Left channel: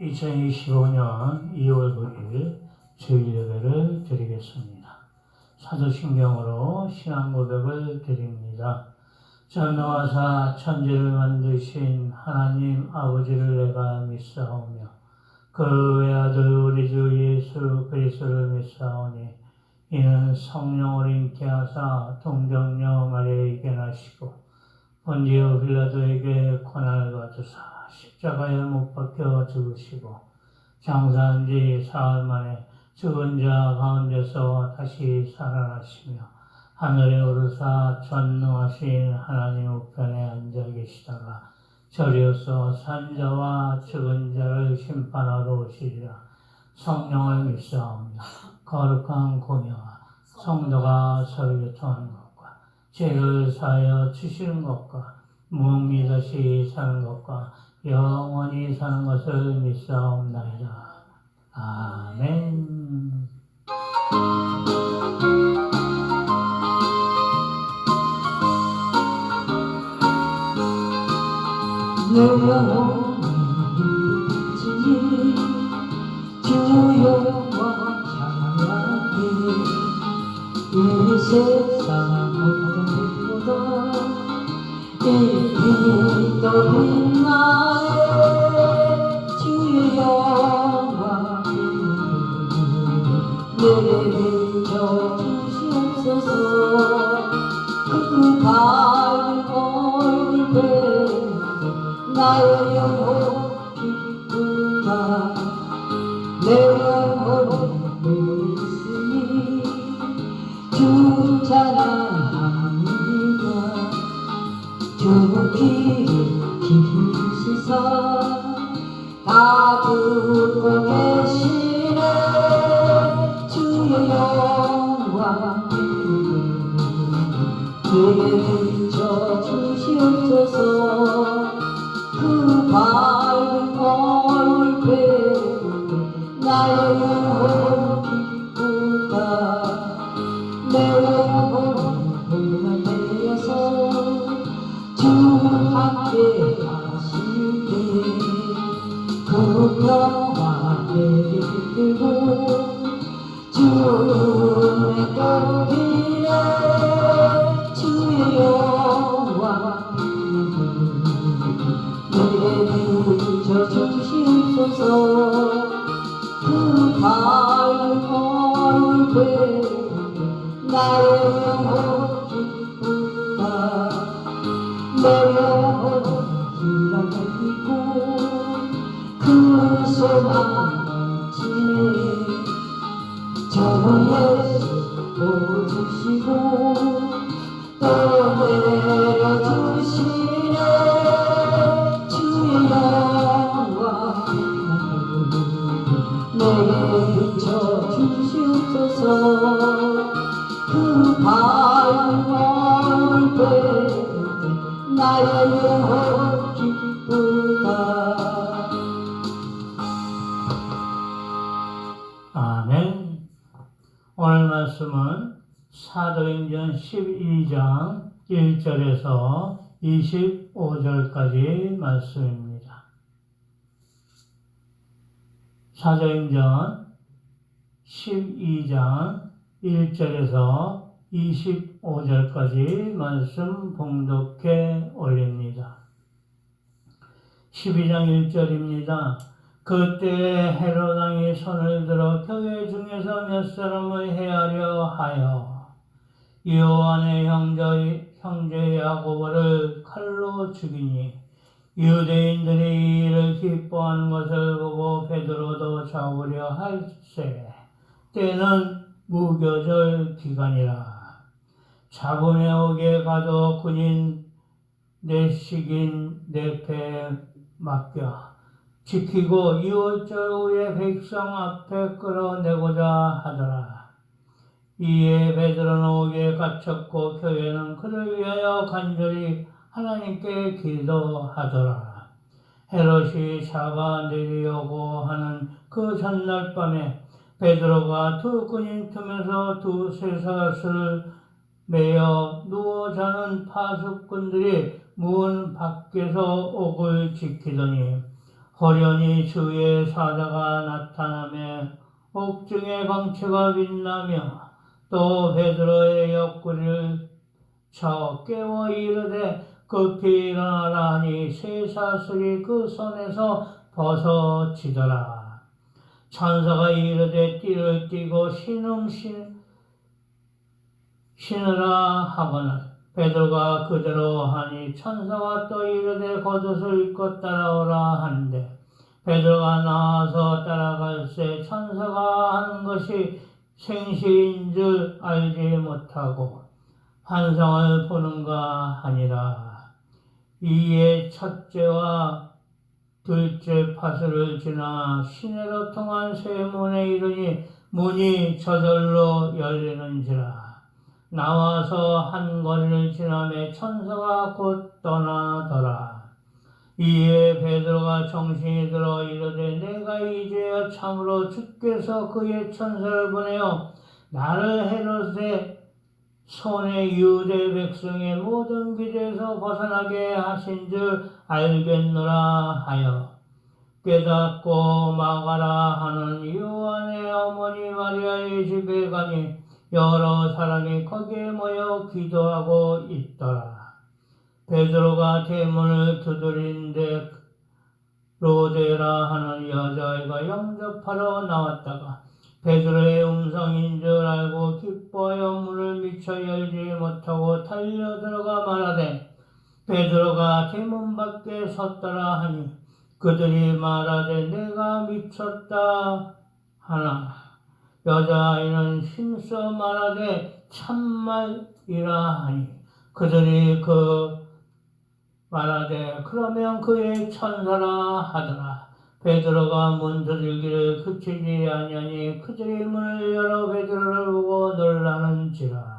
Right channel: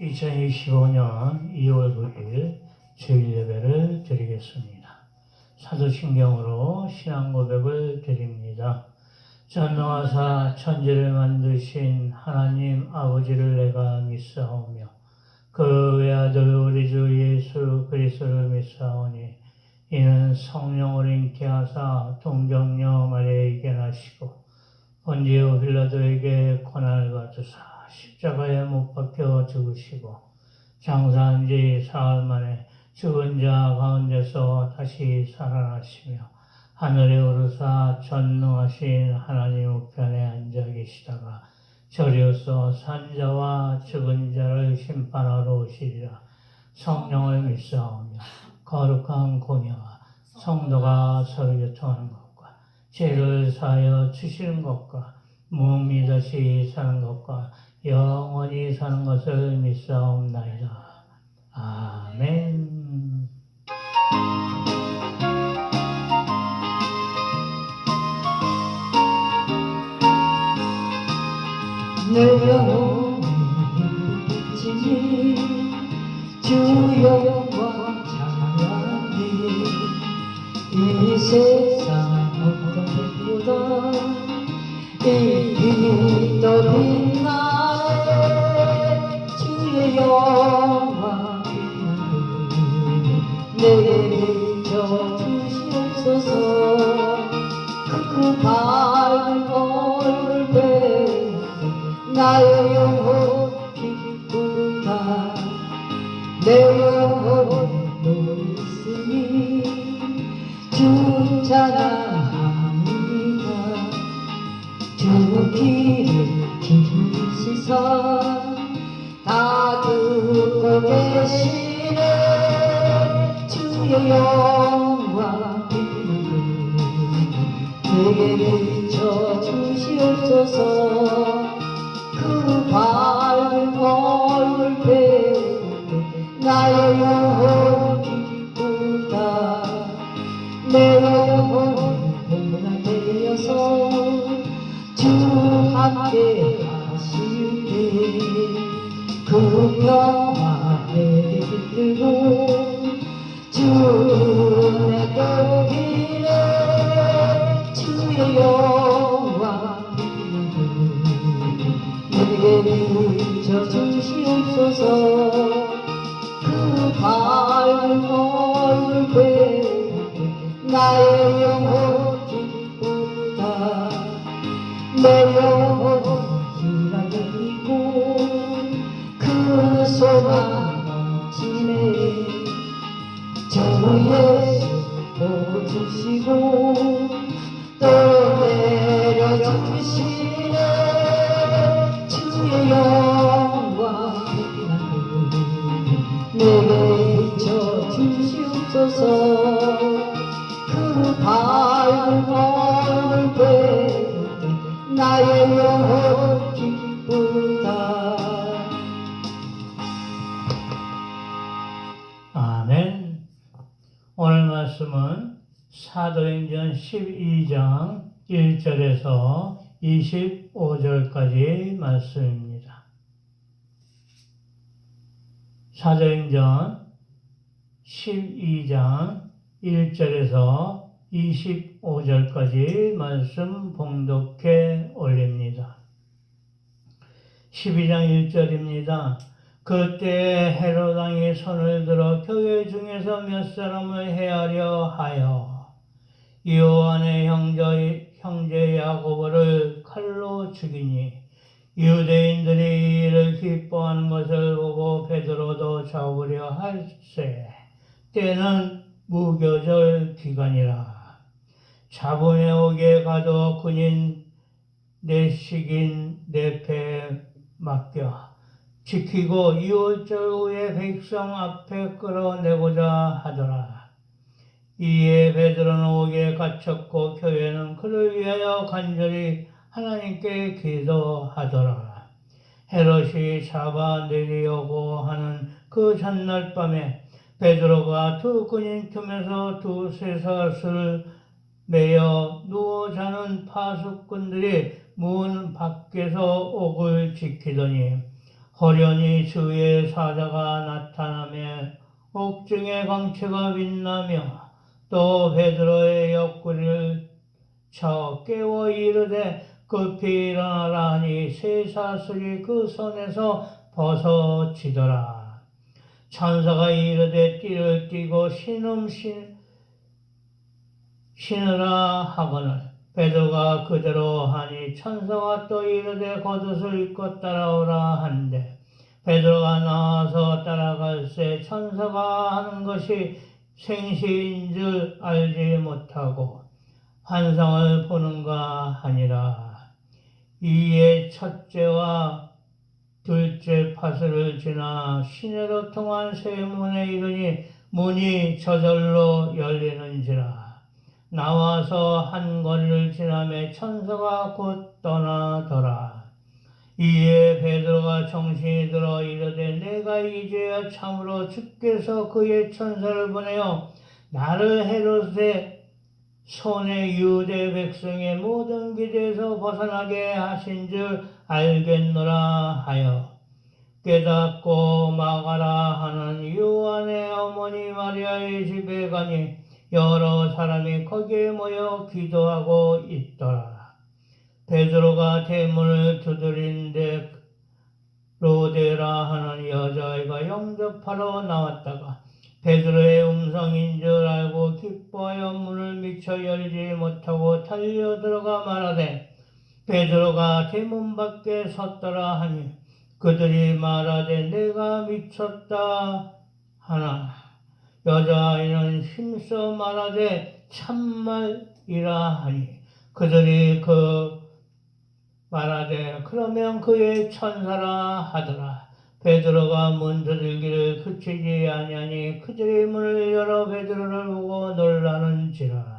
2025년 2월 9일 주일 예배를 드리겠습니다. 사도신경으로 신앙 고백을 드립니다. 전능하사 천지를 만드신 하나님 아버지를 내가 믿사오며 그 외아들 우리 주 예수 그리스도를 믿사오니 이는 성령을 잉태 하사 동정녀 마리아에게 나시고 본디오 빌라도에게 고난을 받으사 십자가에 못 박혀 죽으시고 장사한 지 사흘 만에 죽은 자 가운데서 다시 살아나시며 하늘에 오르사 전능하신 하나님 우편에 앉아 계시다가 저리로서 산자와 죽은 자를 심판하러 오시리라. 성령을 믿사오며 거룩한 공예와 성도가 서로 교통하는 것과 죄를 사하여 주시는 것과 무미다시 사는 것과 영원히 사는 것을 믿사옵나이다. 아멘. 내 영혼이 지니 주여 영광 찬양하니 이 세상 어떤 것보다 이 빛도 빛나네 주의 영광 내게 비춰주시옵소서 그 밝은 얼굴 배우고 나의 영혼 기쁘다 내 영혼이 있으니 주 찬양합니다 주 길을 기르시사 다 듣고 계시네 주의 영광 내게 비춰주시옵소서 그 밝은 얼굴 배우고 나의 영혼 기쁘다 내 영혼이 고난되어서 주 함께 하시네 그 평화 내게 깃들고 주 내게 기네 주의 영광 내게 비춰주시옵소서 그 밝은 얼굴 배우고 나의 영혼 기쁘다 내 영혼은 희락이고 그 소망 넘치네 주 예수 보주시고 또 내려주시네 주의 영광 내게 비춰주시옵소서 그 밝은 얼굴 배우고 나의 영혼 기쁘다. 아멘. 오늘 말씀은 사도행전 12장 1절에서 25절까지 말씀입니다. 사도행전 12장 1절에서 25절까지 말씀 봉독해 올립니다. 12장 1절입니다. 그때 헤롯 왕이 손을 들어 교회 중에서 몇 사람을 해하려 하여 요한의 형제 야고보를 칼로 죽이니 유대인들이 이를 기뻐하는 것을 보고 베드로도 잡으려 할세 때는 무교절 기간이라. 잡음에 오게 가도 군인 내식인 내 패에 맡겨 지키고 2월절 후에 백성 앞에 끌어내고자 하더라. 이에 베드로는 옥에 갇혔고 교회는 그를 위하여 간절히 하나님께 기도하더라. 헤롯이 잡아내려고 하는 그 전날 밤에 베드로가 두 군인 틈에서 두 쇠사슬을 매여 누워 자는 파수꾼들이 문 밖에서 옥을 지키더니 호련히 주의 사자가 나타나며 옥중의 광채가 빛나며 또 베드로의 옆구리를 쳐 깨워 이르되 급히 일어나라 하니 쇠사슬이 그 손에서 벗어지더라. 천사가 이르되 띠를 띠고 신으라 하거늘 베드로가 그대로 하니 천사가 또 이르되 겉옷을 입고 따라오라 한데 베드로가 나와서 따라갈새 천사가 하는 것이 생시인 줄 알지 못하고 환상을 보는가 하니라. 이에 첫째와 둘째 파수를 지나 시내로 통한 새 문에 이르니 문이 저절로 열리는지라. 나와서 한 거리를 지나매 천사가 곧 떠나더라. 이에 베드로가 정신이 들어 이르되 내가 이제야 참으로 주께서 그의 천사를 보내어 나를 헤롯의 손에 유대 백성의 모든 기대에서 벗어나게 하신 줄 알겠노라 하여 깨닫고 마가라 하는 요한의 어머니 마리아의 집에 가니 여러 사람이 거기에 모여 기도하고 있더라. 베드로가 대문을 두드린데 로데라 하는 여자아이가 영접하러 나왔다가 베드로의 음성인 줄 알고 기뻐하여 문을 미처 열지 못하고 달려 들어가 말하되 베드로가 대문 밖에 섰더라 하니 그들이 말하되 내가 미쳤다 하나 여자아이는 힘써 말하되 참말이라 하니 그들이 말하되 그러면 그의 천사라 하더라. 베드로가 문 두들기를 그치지 아니하니 그들이 문을 열어 베드로를 보고 놀라는지라.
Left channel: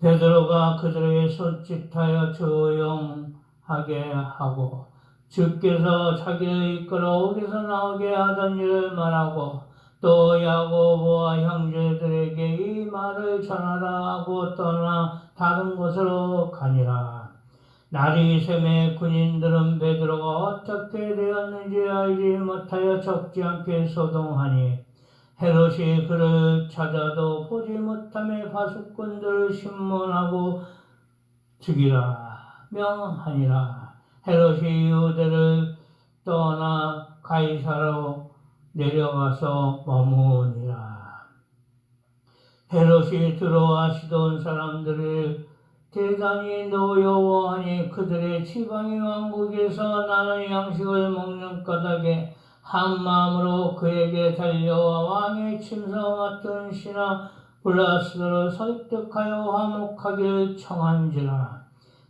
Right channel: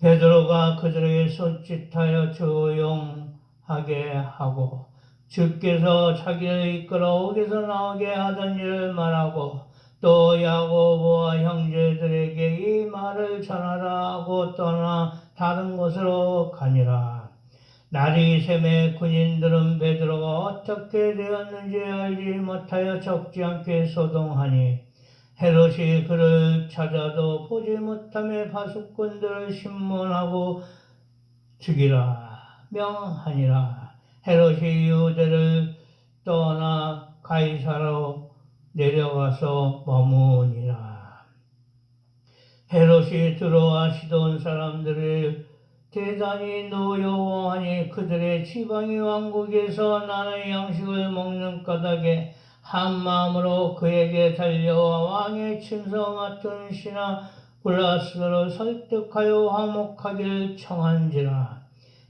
베드로가 그들에게 손짓하여 조용하게 하고 주께서 자기를 이끌어 옥에서 나오게 하던 일을 말하고 또 야고보와 형제들에게 이 말을 전하라 하고 떠나 다른 곳으로 가니라. 날이 새매 군인들은 베드로가 어떻게 되었는지 알지 못하여 적지 않게 소동하니 헤롯이 그를 찾아도 보지 못하며 파수꾼들을 신문하고 죽이라 명하니라. 헤롯이 유대를 떠나 가이사로 내려가서 머무니라. 헤롯이 들어와 시돈 사람들을 대단히 노여워하니 그들의 지방의 왕국에서 나는 양식을 먹는 까닭에 한 마음으로 그에게 달려와 왕의 침성 같은 신하 블라스를 설득하여 화목하기를 청한지라.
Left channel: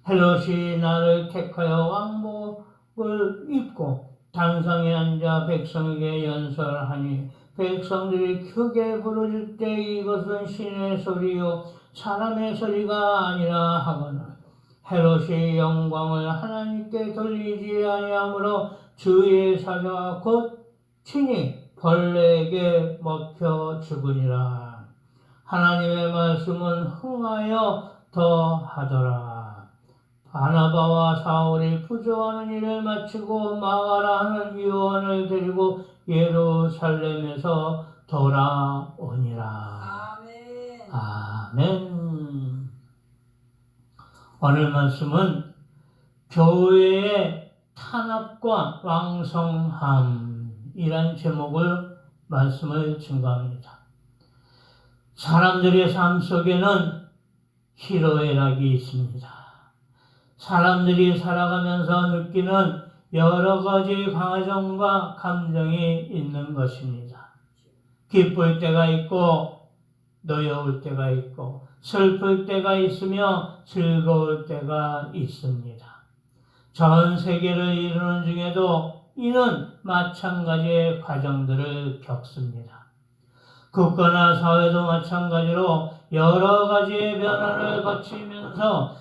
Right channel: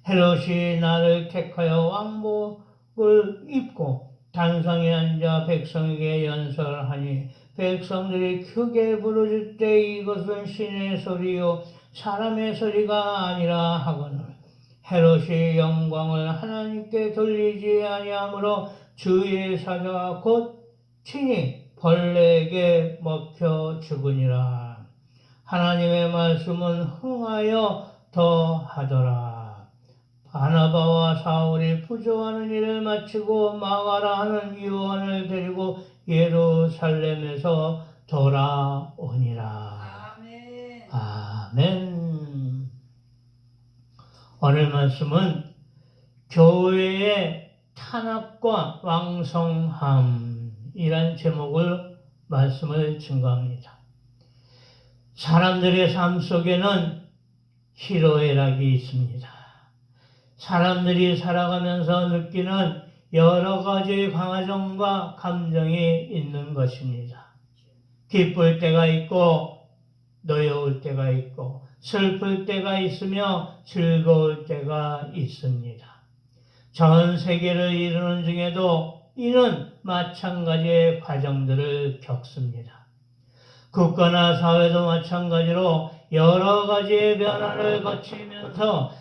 헤롯이 나를 택하여 왕복을 입고 단상에 앉아 백성에게 연설하니 백성들이 크게 부르짖 때 이것은 신의 소리요 사람의 소리가 아니라 하거늘 헤롯이 영광을 하나님께 돌리지 아니하므로 주의 사자가 곧 친히 벌레에게 먹혀 죽으니라. 하나님의 말씀은 흥하여 더하더라. 바나바와 사울이 부조하는 일을 마치고 마가라 하는 요한을 데리고 예루살렘에서 돌아오니라. 아멘. 아멘. 오늘 말씀은 교회의 탄압과 왕성함이란 제목을 말씀을 증거합니다. 사람들의 삶 속에는 희로애락이 있습니다. 사람들이 살아가면서 느끼는 여러 가지 감정과 감정이 있는 것입니다. 기쁠 때가 있고 노여울 때가 있고 슬플 때가 있으며 즐거울 때가 있습니다. 전 세계를 이루는 중에도 이는 마찬가지의 과정들을 겪습니다. 국가나 사회도 마찬가지로 여러 가지의 변화를 거치면서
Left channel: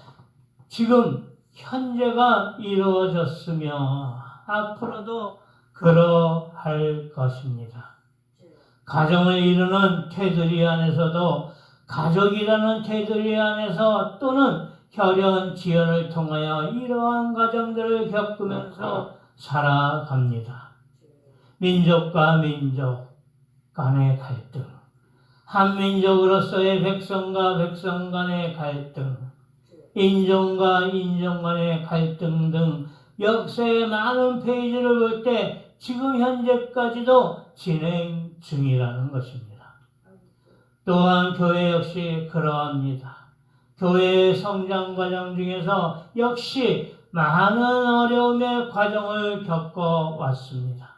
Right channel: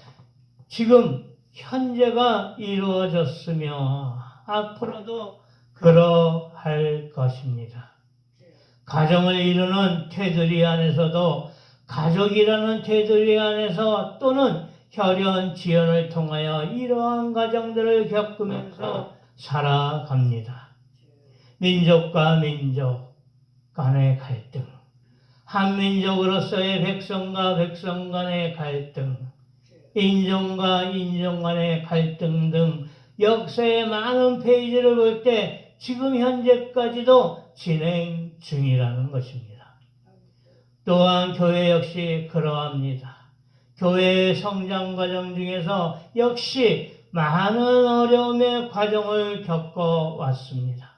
지금 현재가 이루어졌으며 앞으로도 그러할 것입니다. 가정을 이루는 테두리 안에서도 가족이라는 테두리 안에서 또는 혈연 지연을 통하여 이러한 과정들을 겪으면서 살아갑니다. 민족과 민족 간의 갈등, 한민족으로서의 백성과 백성 간의 갈등, 인종과 인종 간의 갈등 등 역사의 많은 페이지를 볼 때 지금 현재까지도 진행 중이라는 것입니다. 또한 교회 역시 그러합니다. 교회의 성장 과정 중에서 역시 많은 어려움의 과정을 겪어왔습니다.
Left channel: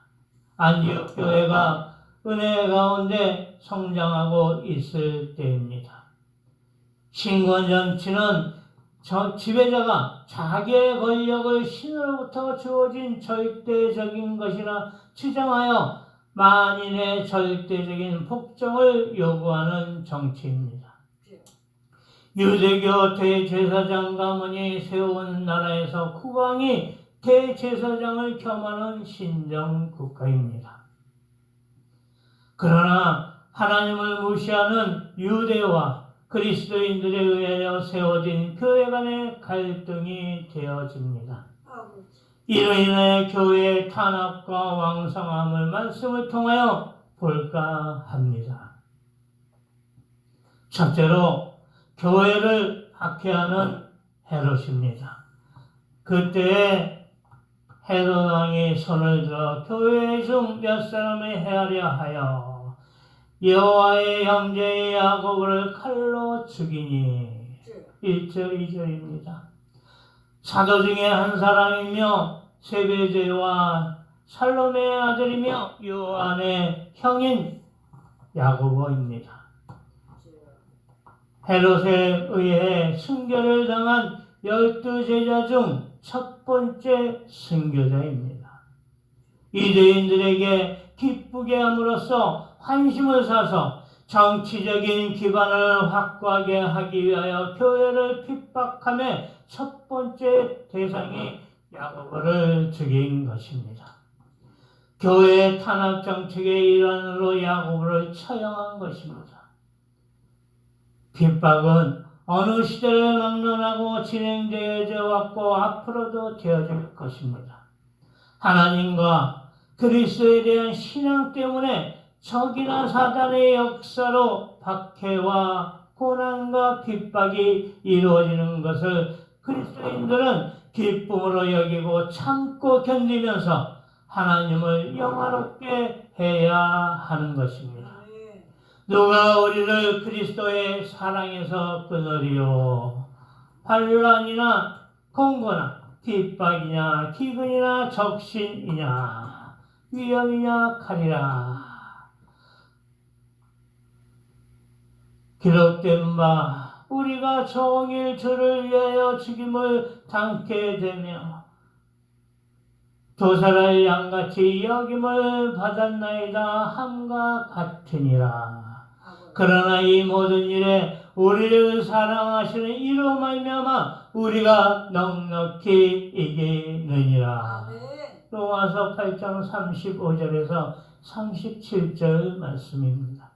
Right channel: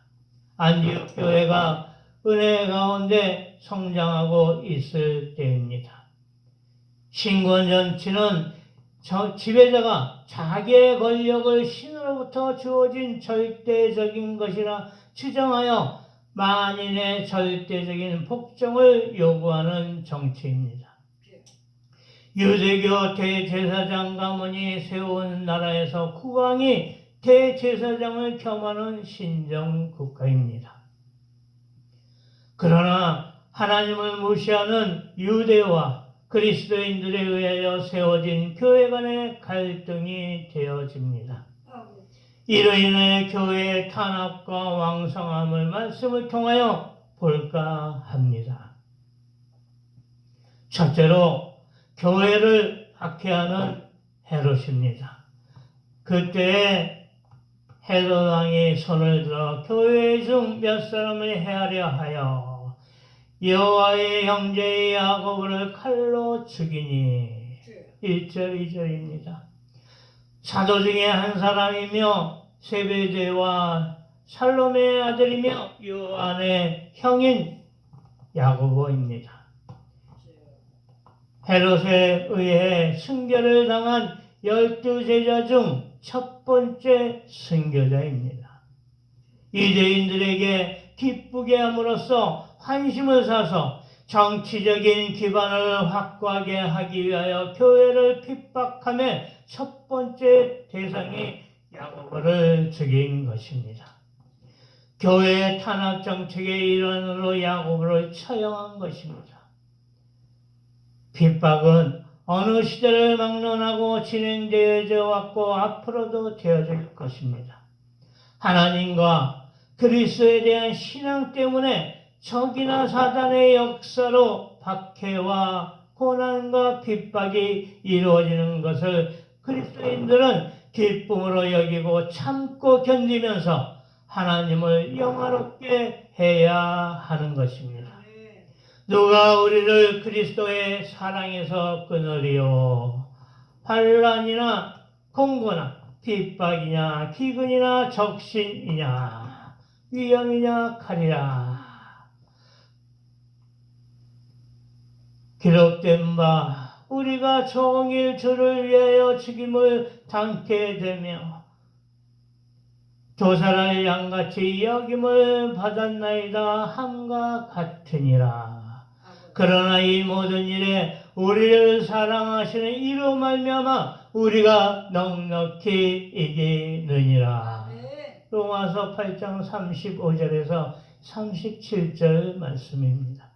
안디옥 교회가 은혜 가운데 성장하고 있을 때입니다. 신권 정치는 지배자가 자기의 권력을 신으로부터 주어진 절대적인 것이라 주장하여 만인의 절대적인 복종을 요구하는 정치입니다. 유대교 대제사장 가문이 세운 나라에서 국왕이 대제사장을 겸하는 신정국가입니다. 그러나 하나님을 무시하는 유대와 그리스도인들에 의하여 세워진 교회 간의 갈등이 되어집니다. 이로 인해 교회의 탄압과 왕성함을 말씀을 통하여 볼까 합니다. 첫째로 교회를 박해하는 헤롯입니다. 그때 헤롯 왕이 손을 들어 교회 중 몇 사람을 해하려 하여 여호와의 형제 야고보를 칼로 죽이니 1절 2절입니다. 사도 중에 한 사람이며 세베대와 살로메의 아들이며 요한의 형인 야고보입니다. 헤롯에 의해 순교를 당한 12제자 중 첫 번째 순교자입니다. 유대인들에게 기쁘게 함으로써 환심을 사서 정치적인 기반을 확고하게 하기 위하여 교회를 핍박함의 첫 번째 대상이 야고보를 죽인 것입니다. 교회의 탄압 정책의 일환으로 야고보를 처형한 것입니다. 핍박은 어느 시대를 막론하고 진행되어져 왔고 앞으로도 되어질 것입니다. 하나님과 그리스도에 대한 신앙 때문에 적이나 사단의 역사로 박해와 고난과 핍박이 이루어지는 것을 그리스도인들은 기쁨으로 여기고 참고 견디면서 하나님을 영화롭게 해야 하는 것입니다. 누가 우리를 그리스도의 사랑에서 끊으리요? 환난이나 공고나 핍박이냐 기근이나 적신이냐 위험이냐 칼이라. 기록된 바 우리가 정일 주를 위하여 죽임을 당케 되며 도살할 양같이 여김을 받았나이다 함과 같으니라. 그러나 이 모든 일에 우리를 사랑하시는 이로 말미암아 우리가 넉넉히 이기느니라. 로마서 8장 35절에서 37절 말씀입니다.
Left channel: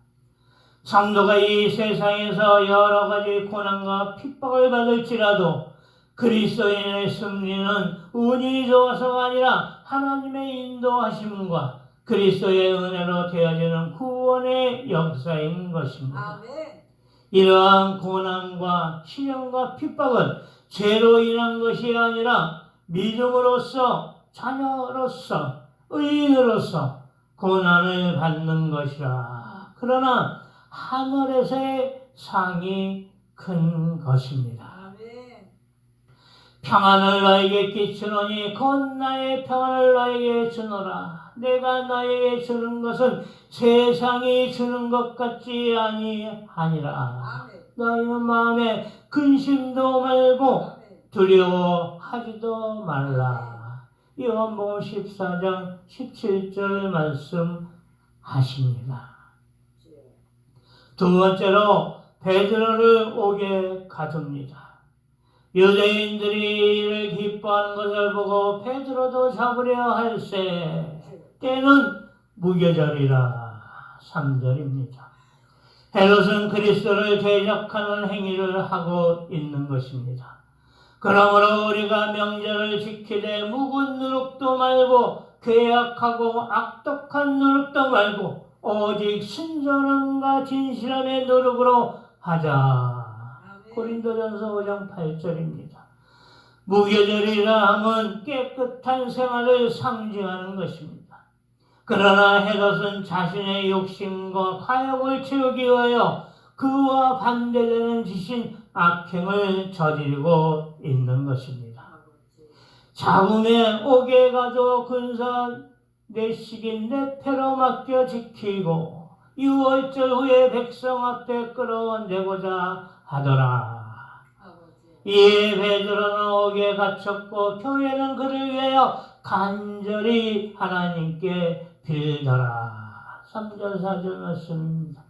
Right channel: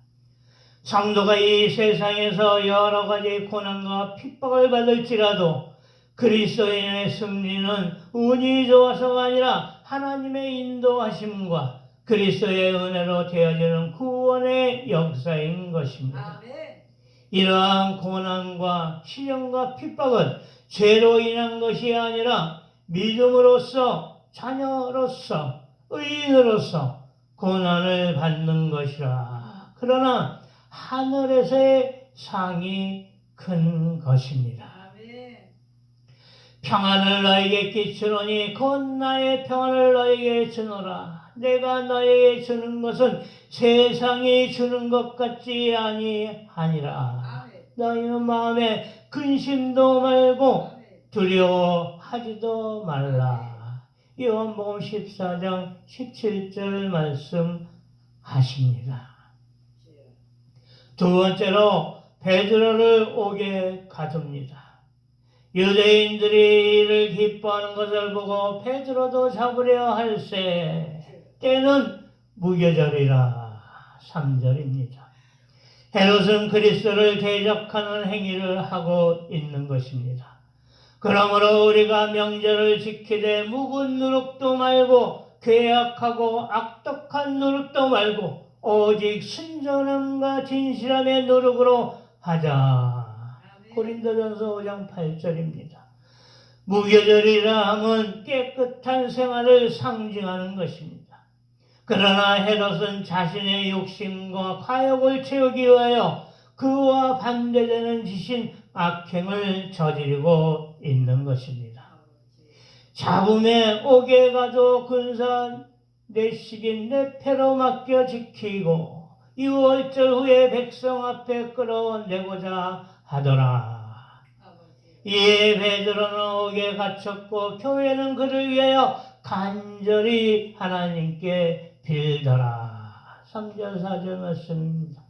성도가 이 세상에서 여러 가지 고난과 핍박을 받을지라도 그리스도인의 승리는 운이 좋아서가 아니라 하나님의 인도하심과 그리스도의 은혜로 되어지는 구원의 역사인 것입니다. 아멘. 이러한 고난과 시련과 핍박은 죄로 인한 것이 아니라 믿음으로써 자녀로서 의인으로서 고난을 받는 것이라. 그러나 하늘에서의 상이 큰 것입니다. 평안을 너에게 끼치노니 곧 나의 평안을 너에게 주노라. 내가 너에게 주는 것은 세상이 주는 것 같지 아니하니라. 너희는 마음에 근심도 말고 두려워하지도 말라. 요한복음 14장 17절 말씀하십니다. 두 번째로 베드로를 옥에 가둡니다. 유대인들이 이를 기뻐하는 것을 보고 베드로도 잡으려 할세 때는 무교절이라. 3절입니다. 헤롯은 그리스도를 대적하는 행위를 하고 있는 것입니다. 그러므로 우리가 명절을 지키되 묵은 누룩도 말고 괴악하고 악독한 누룩도 말고 오직 순전함과 진실함의 누룩으로 하자. 고린도전서 5장 8절입니다. 무교절이라 함은 깨끗한 생활을 상징하는 것입니다. 그러나 헤롯은 자신의 욕심과 과욕을 채우기 위하여 그와 반대되는 짓인 악행을 저지르고 있는 것입니다. 잡음에 옥에 가도 군사 내식인 내 패로 맡겨 지키고 6월절 후에 백성 앞에 끌어내고자 하더라. 이에 베드로는 옥에 갇혔고 교회는 그를 위하여 간절히 하나님께 빌더라. 3절 4절 말씀입니다.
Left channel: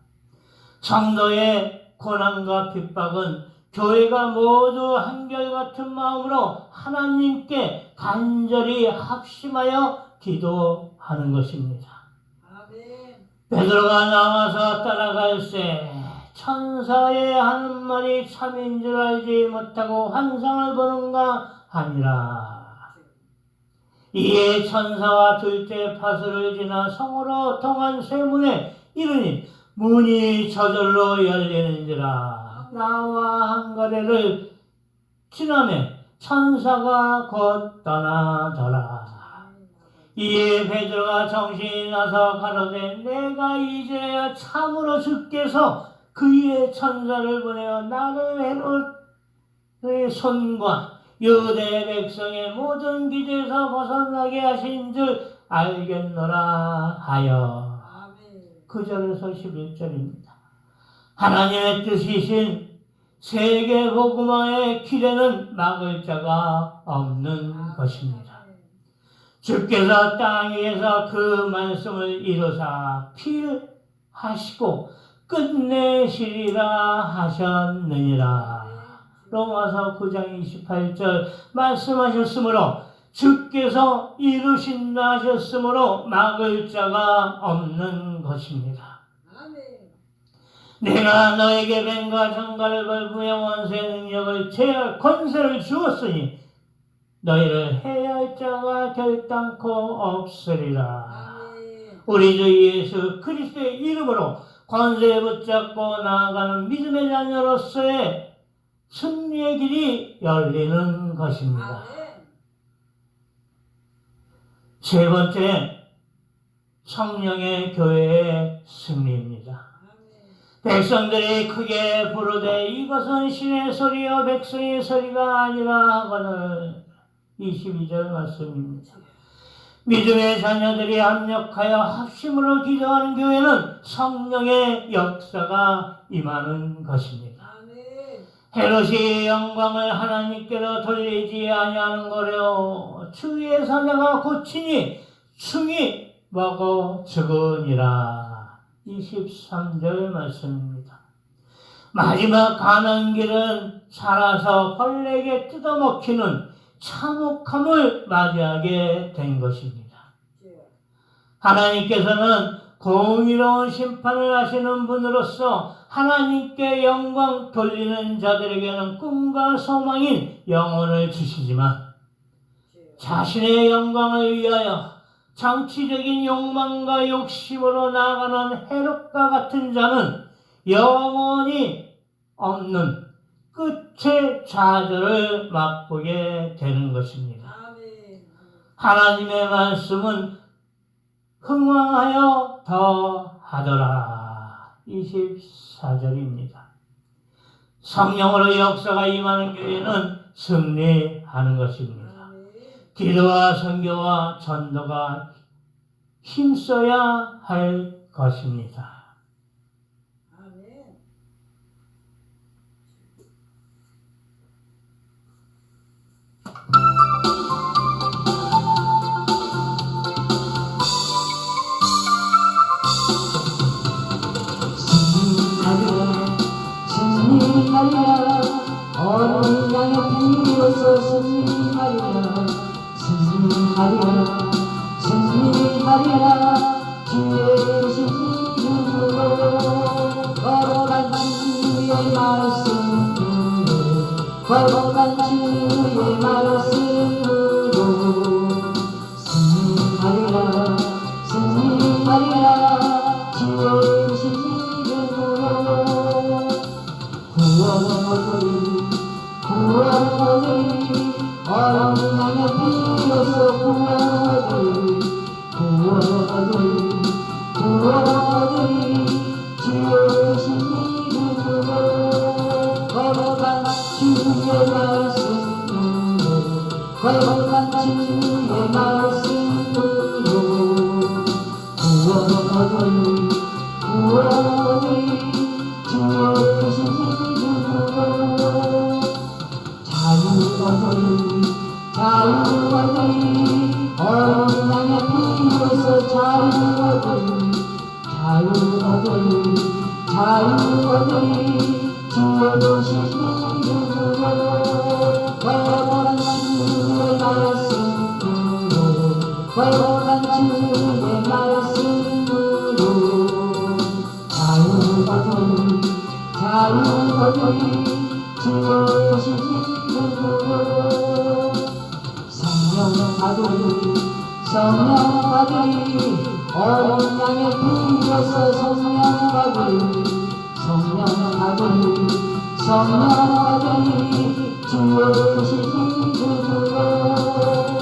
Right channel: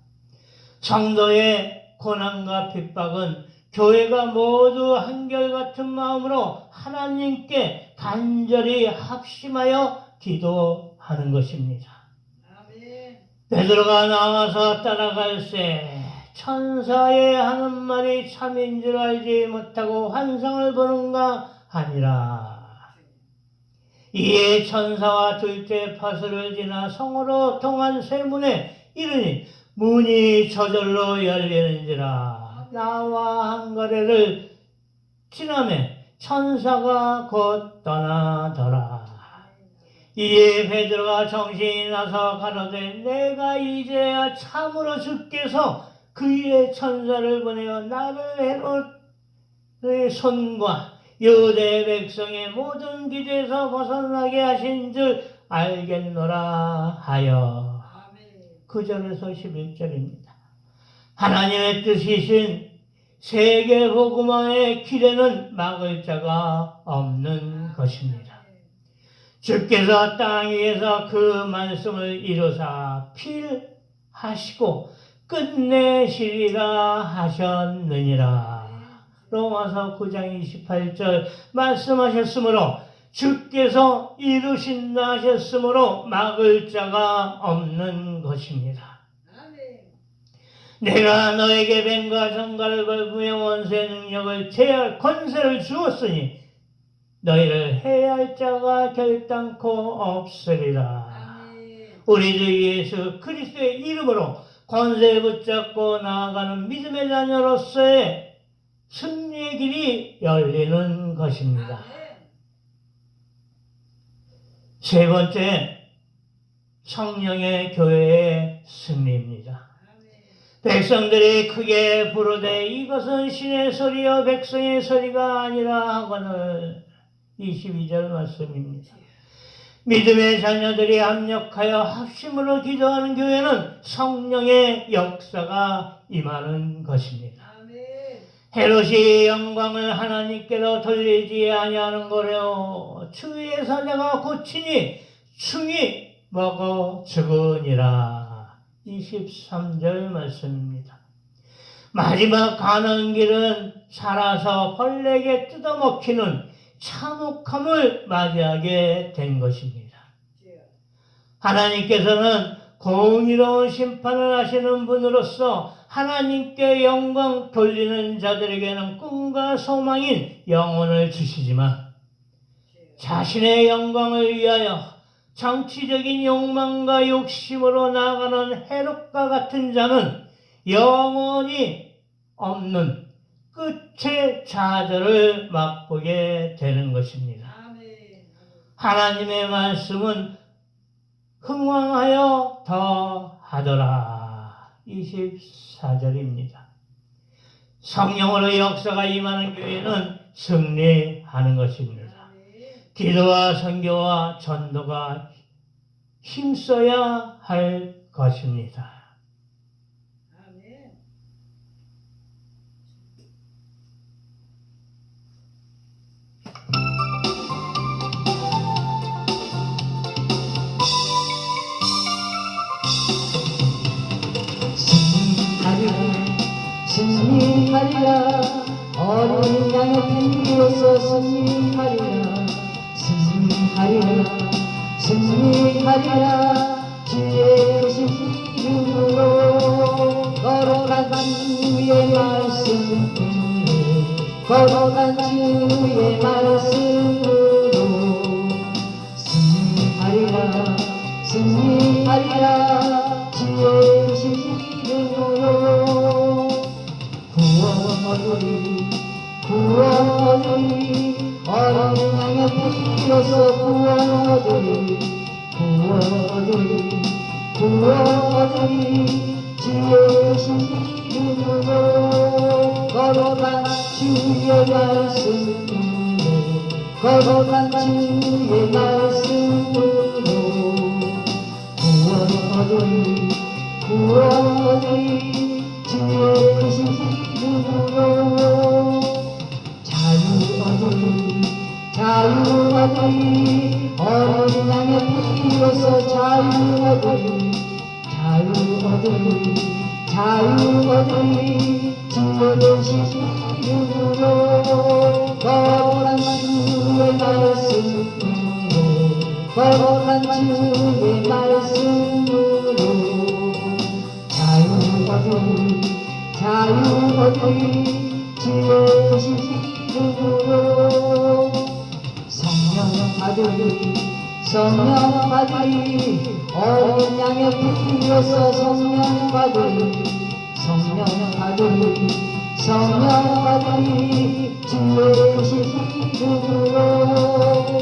성도의 고난과 핍박은 교회가 모두 한결같은 마음으로 하나님께 간절히 합심하여 기도하는 것입니다. 베드로가 나와서 따라갈새 천사의 하는 말이 참인 줄 알지 못하고 환상을 보는가 하니라. 이에 천사와 둘째 파수를 지나 성으로 통한 쇠문에 이르니 문이 저절로 열리는지라. 나와 한 거리를 지나매 천사가 곧 떠나더라. 이에 베드로가 정신이 나서 가로되 내가 이제야 참으로 주께서 그의 천사를 보내어 나를 헤롯의 손과 유대 백성의 모든 기대에서 벗어나게 하신 줄 알겠노라 하여. 9절에서 11절입니다. 하나님의 뜻이신 세계 복음화의 기대는 막을 자가 없는 것입니다. 주께서 땅 위에서 그 말씀을 이루사 필하시고 끝내시리라 하셨느니라. 로마서 9장 28절 말씀하셨으므로 주께서 이루신다 하셨으므로 막을 자가 없는 것입니다. 내가 너에게 뱀과 정갈을 걸으며 원수의 능력을 제할 권세를 주었으니 너희를 해할 자가 결단코 없으리라. 우리 주 예수 그리스도의 이름으로 권세 붙잡고 나아가는 믿음의 자녀로서의 승리의 길이 열리는 것입니다. 세 번째, 성령의 교회의 승리입니다. 백성들이 크게 부르되 이것은 신의 소리요 백성의 소리가 아니라 하거늘. 22절 말씀입니다. 믿음의 자녀들이 합력하여 합심으로 기도하는 교회는 성령의 역사가 임하는 것입니다. 헤롯이 영광을 하나님께로 돌리지 아니하는 거로 주의 사자가 고치니 충이 먹어 죽으니라. 23절 말씀입니다. 마지막 가는 길은 살아서 벌레에게 뜯어먹히는 참혹함을 맞이하게 된 것입니다. 하나님께서는 공의로운 심판을 하시는 분으로서 하나님께 영광 돌리는 자들에게는 꿈과 소망인 영혼을 주시지만 자신의 영광을 위하여 정치적인 욕망과 욕심으로 나아가는 헤롯과 같은 자는 영원히 없는 끝의 좌절을 맛보게 되는 것입니다. 하나님의 말씀은 흥왕하여 더하더라. 24절입니다. 성령으로 역사가 임하는 교회는 승리하는 것입니다. 기도와 선교와 전도가 힘써야 할 것입니다. 승리하리라 어린 양을 비로소 승리하리라 승리하리라 승리하리라 주의 이름으로 걸어간 주의 말씀 걸어간 주 자유하리 주여 되신 이름으로 거룩한 주의 말씀으로 거룩한 주의 말씀으로 자유하리 자유하리 주여 되신 이름으로 성령 아들이 성령 아들이 어린 양의 피로서 성령 아들이 성령 아들이 성령 아들이 주의 되신 이름으로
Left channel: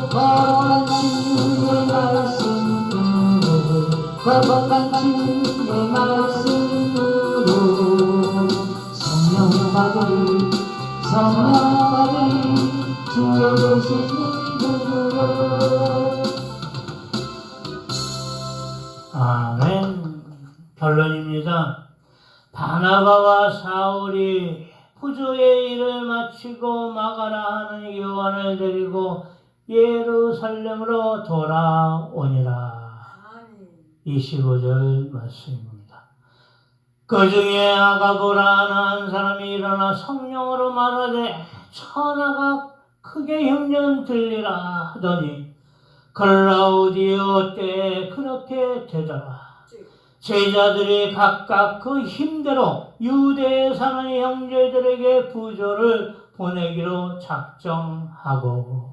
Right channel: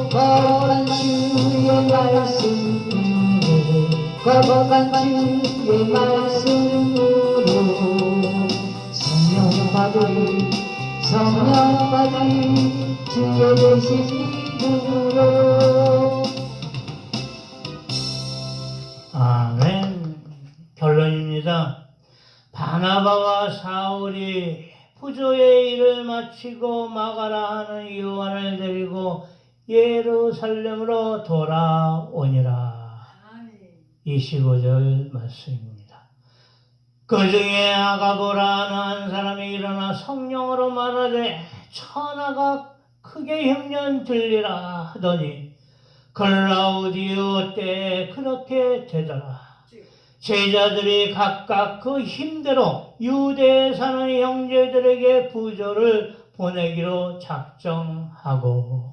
거룩한 주의 말씀으로 거룩한 주의 말씀으로 성령 아들이 성령 아들이 주의 되신 이름으로 아멘. 결론입니다. 바나바와 사울이 부조의 일을 마치고 마가라 하는 요한을 데리고 예루살렘으로 돌아오니라. 25절 말씀입니다. 그 중에 아가보라 하는 한 사람이 일어나 성령으로 말하되 천하가 크게 흉년 들리라 하더니 글라우디오 때에 그렇게 되더라. 제자들이 각각 그 힘대로 유대에 사는 형제들에게 부조를 보내기로 작정하고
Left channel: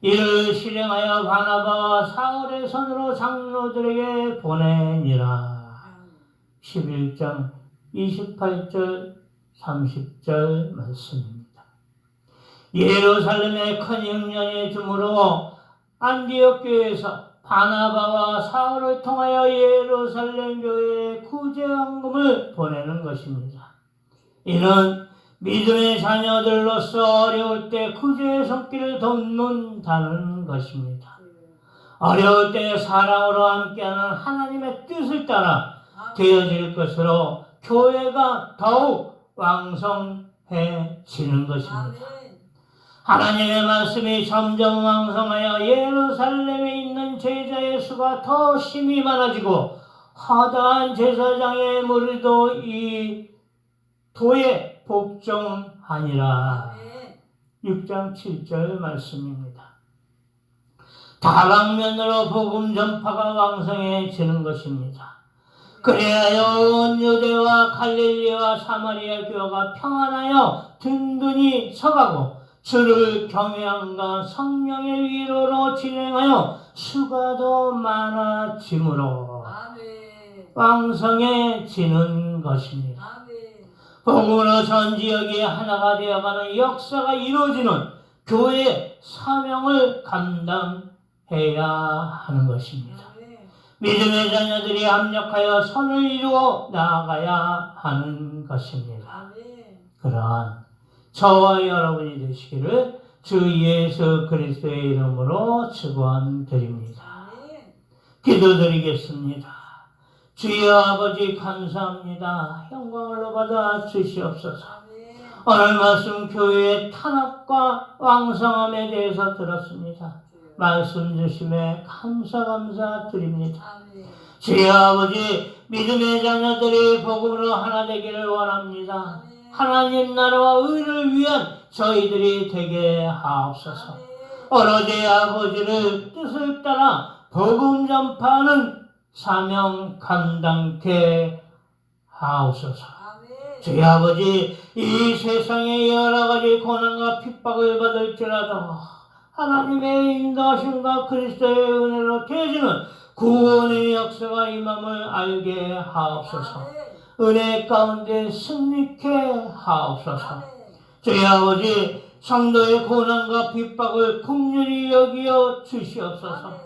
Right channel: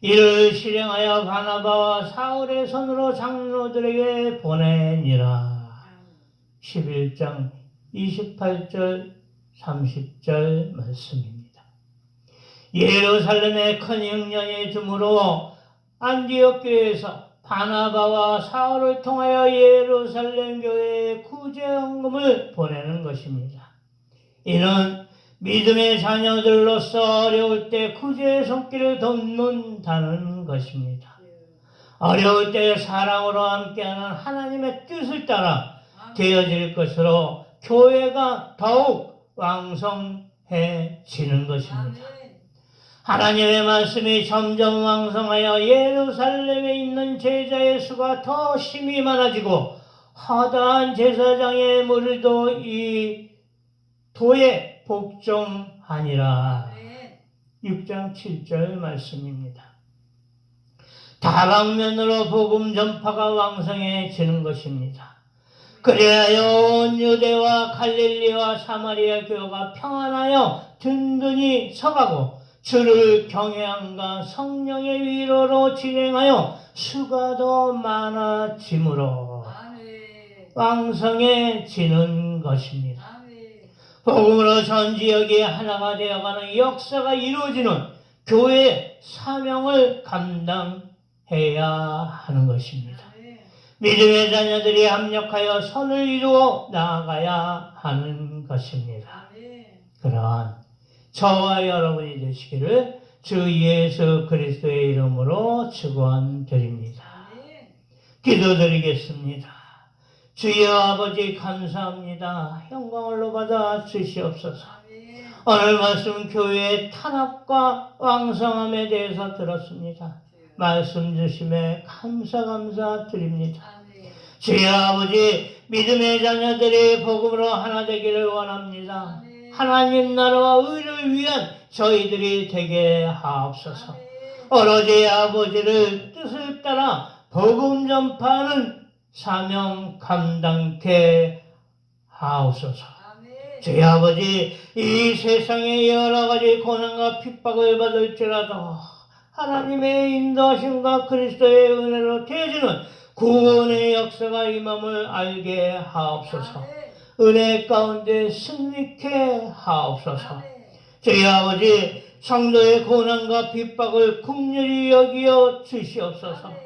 이를 실행하여 바나바와 사울의 손으로 장로들에게 보내니라. 11장 28절 30절 말씀입니다. 예루살렘에 큰 흉년이 드므로 안디옥 교회에서 바나바와 사울을 통하여 예루살렘 교회에 구제헌금을 보내는 것입니다. 이는 믿음의 자녀들로서 어려울 때 구제의 손길을 돕는다는 것입니다. 어려울 때 사랑으로 함께하는 하나님의 뜻을 따라 되어질 것으로 교회가 더욱 왕성해지는 것입니다. 하나님의 말씀이 점점 왕성하여 예루살렘에 있는 제자의 수가 더 심히 많아지고 허다한 제사장의 무리도 이 도에 복종하니라. 6장 7절 말씀입니다. 다방면으로 복음 전파가 왕성해지는 것입니다. 그래야 온 유대와 갈릴리와 사마리아 교회가 평안하여 든든히 서가고 주를 경외함과 성령의 위로로 진행하여 수가 더 많아지므로 왕성해지는 것입니다. 복음으로 전 지역이 하나가 되어가는 역사가 이루어지는 교회의 사명을 감당해야 하는 것입니다. 믿음의 자녀들이 합력하여 선을 이루어 나아가야 하는 것입니다. 그러한 저와 여러분이 되시기를 주 예수 그리스도의 이름으로 축원드립니다. 기도드리겠습니다. 주여 아버지 감사합니다. 영광을 받아 주시옵소서. 오늘 말씀 교회의 탄압과 왕성함에 대해서 들었습니다. 말씀 주심에 감사드립니다. 주여 아버지 믿음의 자녀들이 복음으로 하나 되기를 원합니다. 하나님 나라와 의를 위한 저희들이 되게 하옵소서. 오로지 아버지를 뜻을 따라 복음 전파하는 사명 감당케 하옵소서. 주여 아버지 이 세상에 여러 가지 고난과 핍박을 받을지라도 하나님의 인도하심과 그리스도의 은혜로 되어지는 구원의 역사가 임함을 알게 하옵소서. 은혜 가운데 승리케 하옵소서. 주여 아버지 성도의 고난과 핍박을 긍휼히 여기어 주시옵소서.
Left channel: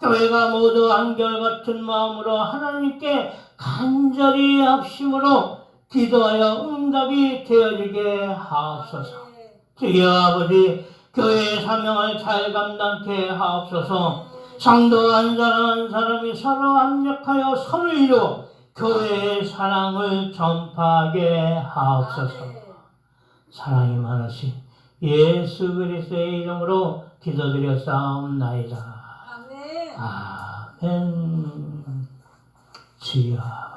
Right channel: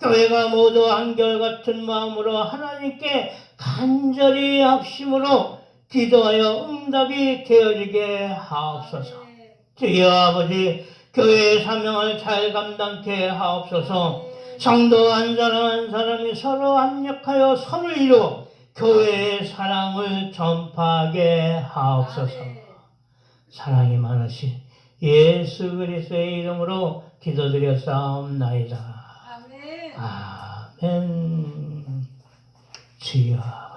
교회가 모두 한결같은 마음으로 하나님께 간절히 합심으로 기도하여 응답이 되어지게 하옵소서. 주여 아버지 교회의 사명을 잘 감당케 하옵소서. 성도 한 사람 한 사람이 서로 합력하여 선을 이루어 교회의 사랑을 전파하게 하옵소서. 사랑이 많으신 예수 그리스도의 이름으로 기도드렸사옵나이다. 아멘. 주여.